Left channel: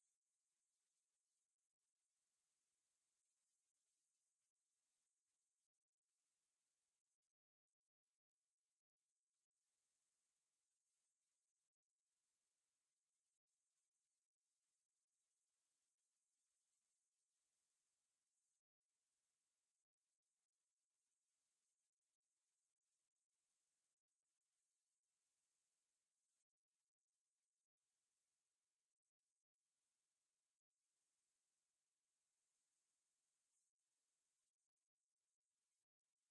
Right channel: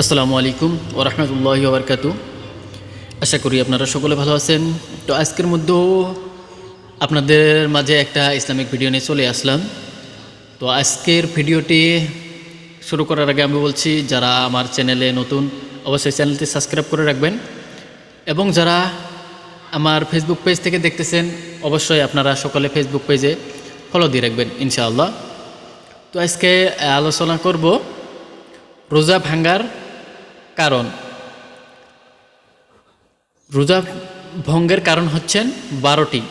আসসালামু আলাইকুম ওয়া রাহমাতুল্লাহি ওয়া বারাকাতুহু। আশা করি আপনারা সকলে ভালো আছেন। তো আজকের মধ্যেও আপনাদের মাঝে একটা ইসলামিক ভিডিও নিয়ে চলে আসলাম। তো আজকের ভিডিওটি শুরু করার আগে আমি বলছি, যারা আমার চ্যানেলে নতুন অবশ্যই চ্যানেলটি সাবস্ক্রাইব করে রাখবেন, এবং যারা আমার ফেসবুক পেজ থেকে দেখতেছেন অবশ্যই আপনারা সকলে ফেসবুক পেজে ফলো দিয়ে রাখবেন ইনশাআল্লাহ। তো আজকে আলোচনা করব রোজা ভাঙ্গার কারণ। রোজা ভঙ্গের কারণ হচ্ছেন 12টি।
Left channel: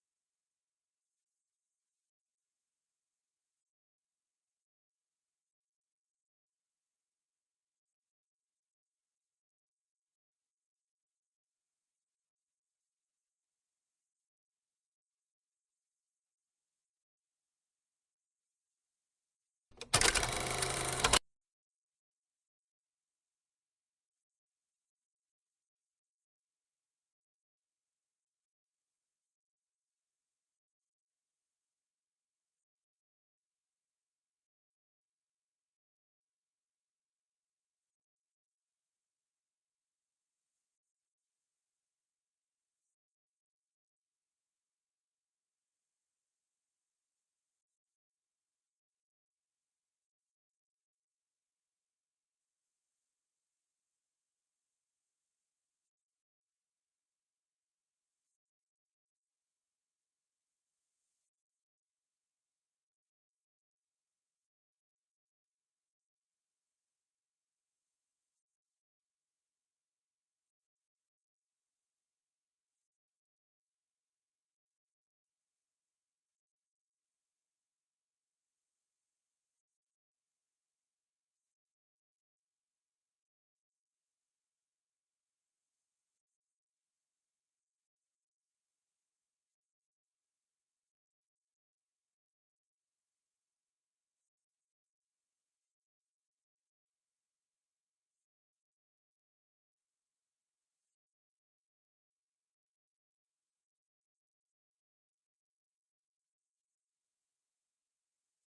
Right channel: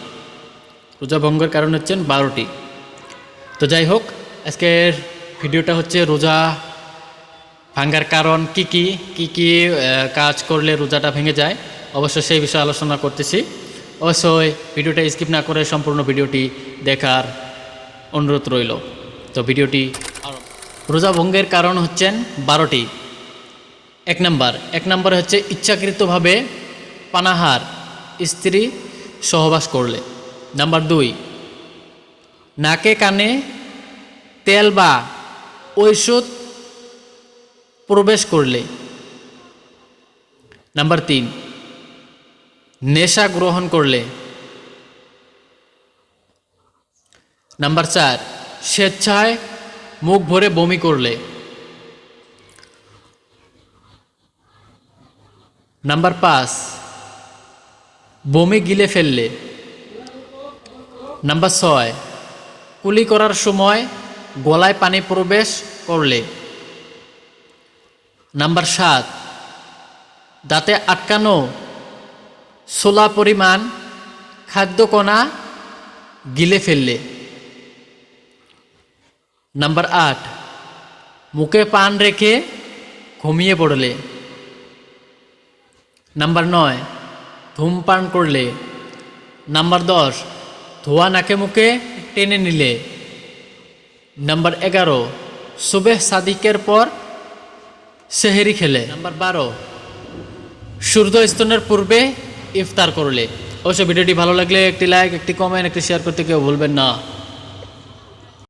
রোজা ভঙ্গের কারণ হচ্ছেন 12টি। তো যাই হোক, আজকের ভিডিওটা হচ্ছে রোজা ভাঙ্গার কারণ কি কি কাজ করলে রোজাটা ভেঙে যায়, অবশ্যই সেই বিষয়ে আলোচনা করতেছি। অবশ্যই ভিডিওটা স্কিপ না করে সম্পূর্ণ ভিডিওটি দেখার অনুরোধ রইল। তো ভিডিওটি, রোজা ভঙ্গের কারণ হচ্ছেন 12টি। এক নম্বরে হচ্ছে ইচ্ছাকৃতভাবে পানাহার, স্ত্রী সহবাস করলে। নাম্বার 2, নাকে কানে তেল বা ঔষধ প্রবেশ করলে। নাম্বার 3, নেশা গ্রহণ করলে। নাম্বার 4, স্বেচ্ছায় মুখ ভরে বমি করলে। নাম্বার 5, বমি গিলে ফেললে। নাম্বার 6, কুলি করার সময় গলায় পানি প্রবেশ করলে। নাম্বার 7, দাঁতে আটকানো ছোলা পরিমাণ খাদ্যকণা গিলে ফেললে। নাম্বার 8, মুখে পান রেখে ঘুমিয়ে পড়লে। নাম্বার 9, ধূমপান করলে। নাম্বার 10, ধোয়া নাকে মুখে টেনে নিলে। নাম্বার 11, সুবেহ সাদিকের পর সেহেরি খেলে। নাম্বার 12, সূর্য স্তনের পূর্বে ইফতার করলে। অবশ্য ভিডিওটি ভালো লাগলে একটি লাইক, একটি কমেন্ট, একটি শেয়ার করতে কেউ ভুলবেন না।